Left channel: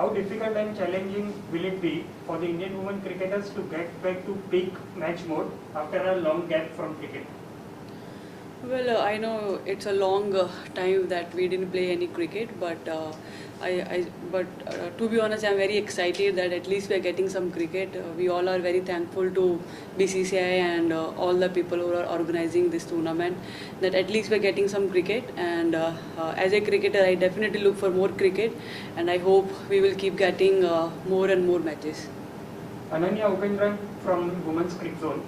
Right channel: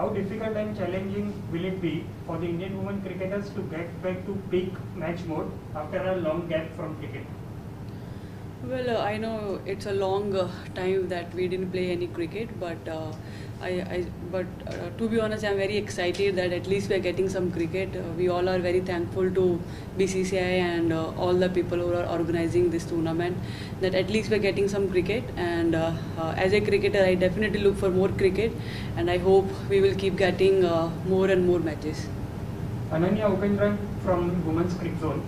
how difficult and challenging will it be for the Indian women cricketers to get back to peak match mode after a long gap from cricket? Well, I know it's a long time that we didn't play any cricket, but to be honest, I'm very excited that at least we are getting some cricket. We all are very thankful to BCCI and all the people who are organizing this tournament. That at least we're getting some cricket, and as a cricketer, I definitely look for more cricket, and I hope we will keep getting more and more matches. Ananya Upendran from Women's Cricket Zone.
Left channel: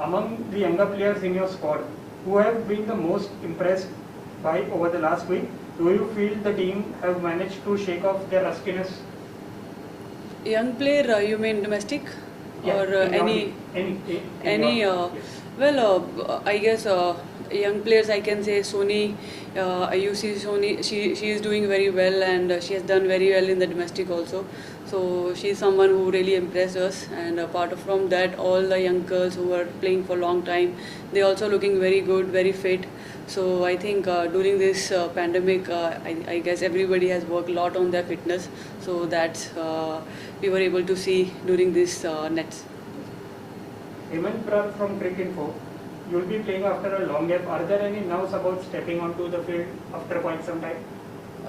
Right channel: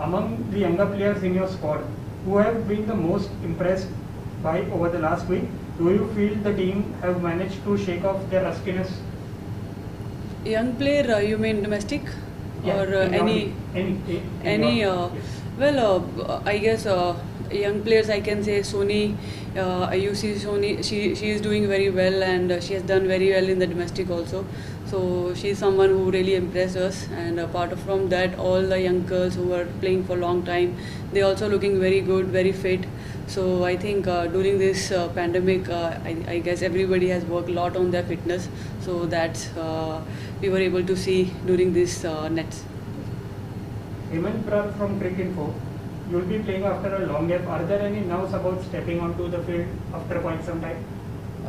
Among the younger players in your squad, who have been the most impressed by over the last week, do you feel the team have managed to shake off their rustiness? Young player, you mean domestic? Yeah, Or any? Yes. Well, I guess young players, I can say Sony. You see Sony, she is doing very well, and she has done very well in the domestic also. So she is someone who really impressed us, and apart from that, all the young girls who are playing for a long time, they also looking very good, very fit. So I think during this pandemic, I guess everybody has worked a lot on their fitness. So that's we were able to see during this nets. Hemant Prat from Cricket Info. You will be playing after a long gap. Are there any nerves about stepping onto the field after quite some time?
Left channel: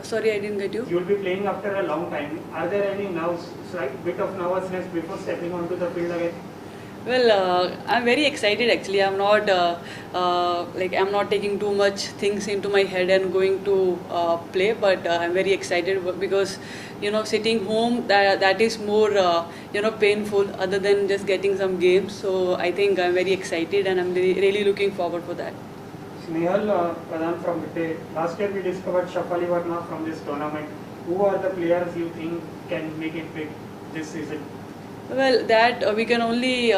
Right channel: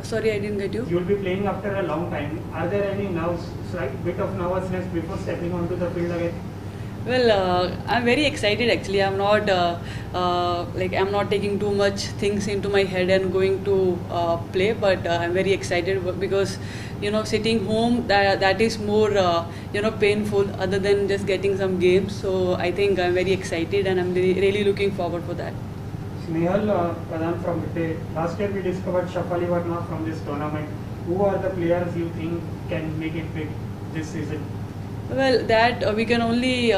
Sorry, I didn't get you. You will be playing after a long time. Are there any nerves, like bit of nervousness before stepping onto the field again? Well, I'm very excited actually. I'm not I'm not taking too much things into my head and going to play, but I'm very excited because sitting home that is more painful other than just getting some games. So I think I'm very excited and I'm really looking forward for that. Snehal Pradhan from Vitte. Last year we discovered Shafali Verma from this tournament. Who are the players you think can make it big this season? Well, that we can only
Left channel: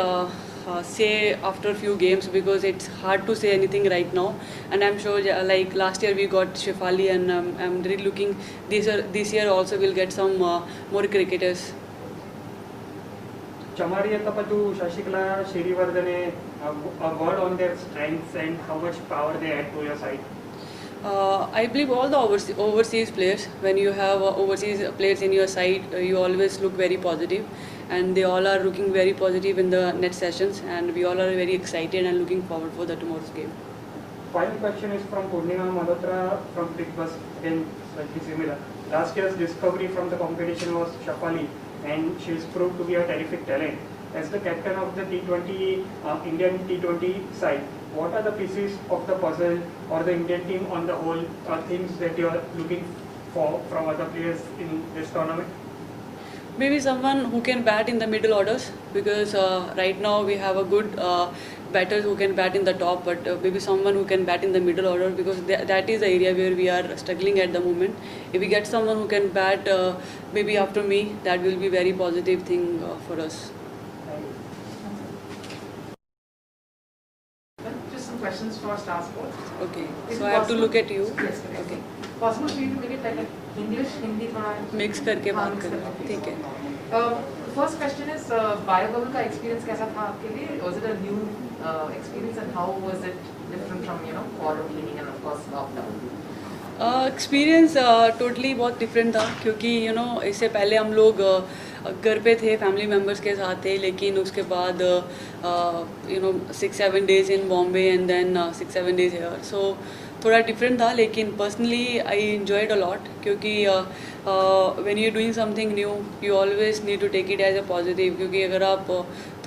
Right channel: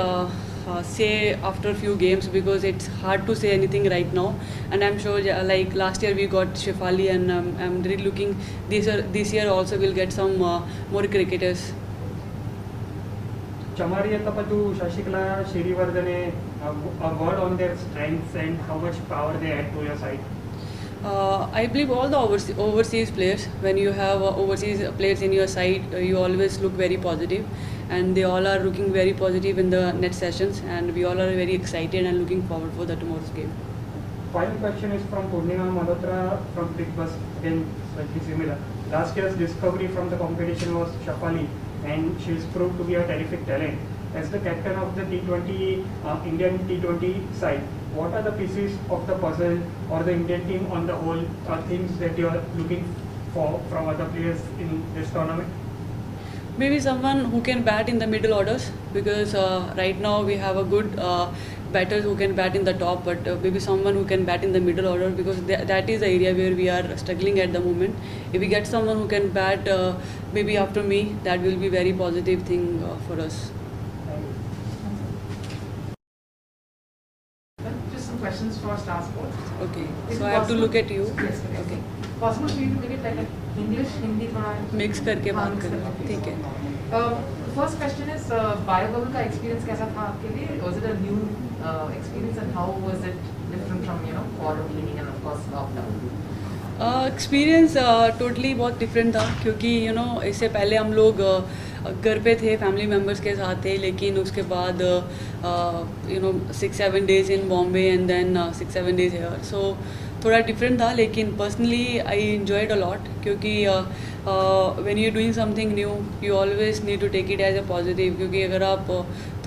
say after a few games because it's hard to say anything right now. And I'm sure, like last year we got Shefali, and I'm really looking this year also we'll get some more cricketers. Chamari Tapatu, Shashikala, Shirivardhane, a word on their strengths and how much power they add to your side. I believe all the overseas players, when you have overseas players in your side, you always look very positive, and they all are looking very positive in the net sessions, and we all are very excited and looking forward for the tomorrow's game. Final question is from Purnima Malhotra from Big Bus, again slightly similar. Last year's discovery from the competition was Shafali, and she is proved to be a terrific talent. As the captain of the T20 Indian T20 side, what are the pieces of the puzzle or the Indian team on the whole things that you are looking for from other players in this tournament? Maybe someone who can bat in the middle orders, because right now we have a good batters who can bat in the top, but maybe someone who can bat in the middle order, because that is the area where we are struggling at the moment. If we get someone who can bat maybe after me, that will be very positive thing for us. Just some questions for Star Sports. Okay, so I have to look at you. Yes, Okay. Possible for you to make it like English, Hindi, थोड़ा mix करके बात mix करें, करके. ठीक है. The first question is biobubble का experience कैसा था आपके लिए? Was it a new experience, and how was it different from quarter cleaning and of course lockdown? Experience totally बहुत डिफरेंट था, क्योंकि इससे पहले हम लोग घर पे थे, फैमिली मेम्बर्स के साथ थे, लेकिन उसके बाद 6-7 days in Bombay and then 6-7 days here. So थोड़ा डिफरेंट था, लेकिन personally I enjoyed a lot, क्योंकि when you doing something new you always need to take it as a positive, क्योंकि अगर आप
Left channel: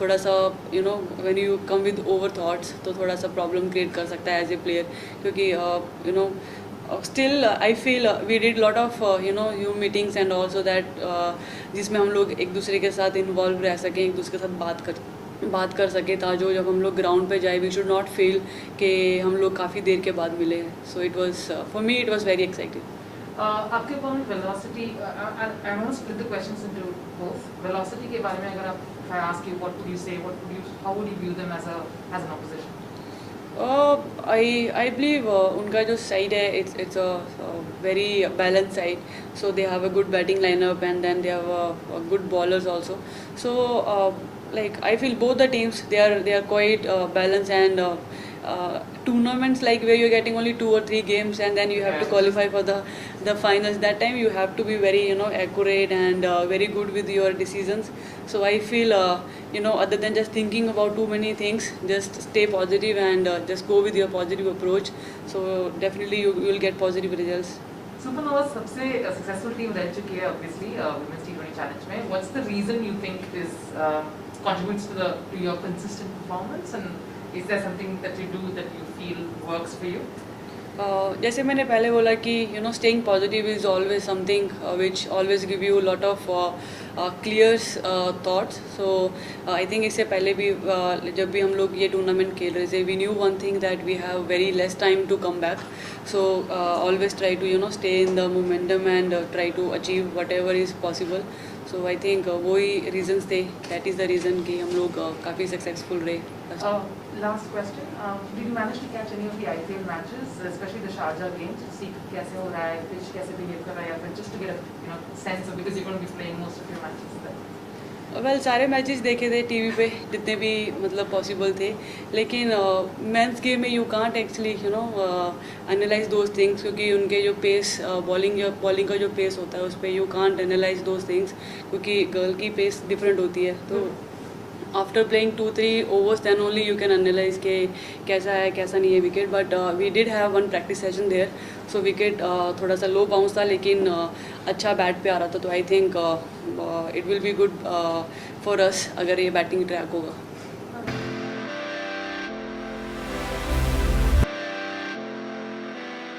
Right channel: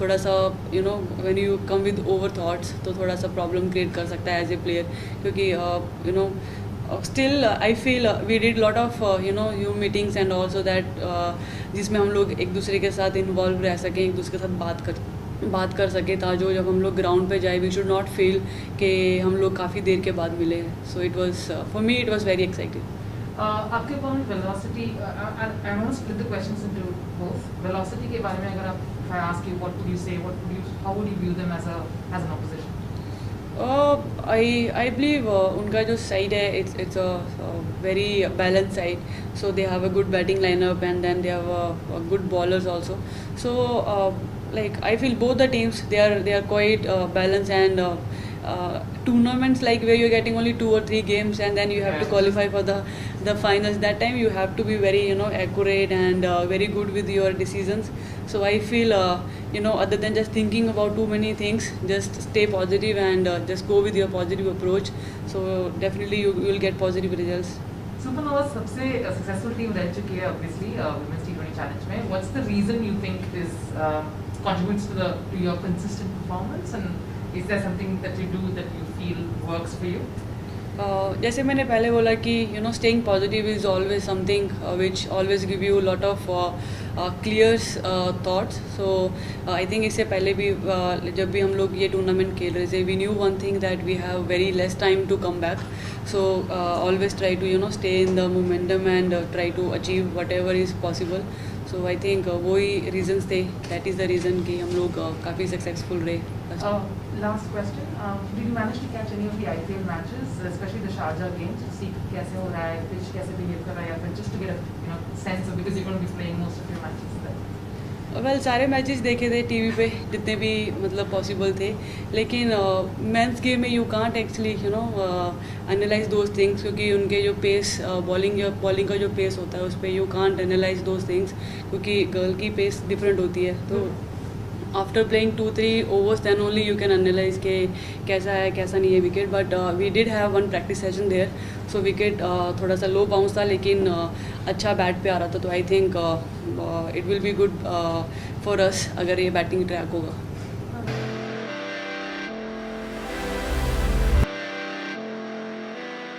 थोड़ा सा when you come with over thoughts तो थोड़ा सा प्रॉब्लम क्रिएट कर सकता है एज ए प्लेयर, क्योंकि still I feel we did lot of Zoom meetings and also that जिसमें हम लोग एक दूसरे के साथ इन्वॉल्व रह सकें, एक दूसरे के साथ बात कर सके, ताकि जब हम लोग ग्राउंड पे जाए वी शुड नॉट फील कि हम लोग काफ़ी देर के बाद मिले हैं. So it was for me it was very exciting. आपके opponent velocity, I want to split the questions into both. Velocity के बारे में अगर आप, if I ask you, what would you say, how would you view them as an opposition? I believe उनका जो side है it's a very balanced side, so they have a good batting lineup and then they have good bowlers also. So like I feel both the teams they are quite balanced, and tournaments like where you're getting only 2 or 3 games and then you have to qualify for the finals. That time you have to be very accurate and very good with your decisions. So I feel other than just thinking about too many things, just stay positive and just go with your positive approach. So definitely you will get positive results. Supernova सबसे successful team रह चुकी है obviously women's T20 challenge में. What's the reason you think is contributes to your consistent performance, and is there something that you do that you feel works for you? जैसे मैंने पहले बोला कि staying positive is always something which always give you a lot of clear thoughts. So I think इससे पहले भी जब भी हम लोग ये टूर्नामेंट खेल रहे थे, we knew one thing that we have very less time to come back. So always try to stay in the momentum and try to achieve whatever is possible. So I think वही reasons थे. That is the reason कि हम लोग काफ़ी successful रहे. Last question. Did you manage to catch any of the IPL matches, especially the Sharjah games, to see कैसे हो रहा है, pitch कैसे behave कर रहा है, या फिर just to get a sense of, because you're going to be playing most of your matches there? Well, सारे मैचेस देखे थे टीवी पे जितने भी मतलब पॉसिबल थे, लेकिन मेंस गेम में you can't actually analyse those things, क्योंकि उनके जो पेस बॉलिंग का जो पेस होता है उस पर you can't analyse those things, क्योंकि गर्ल की पेस डिफरेंट होती है. तो after playing 2-3 overs then only you can analyze के कैसा है कैसा नहीं है wicket. But we did have one practice session there, so wicket थोड़ा सा लो बाउंस था लेकिन अच्छा बैट पे आ रहा था. तो I think it will be good for us अगर ये बैटिंग ट्रैक होगा.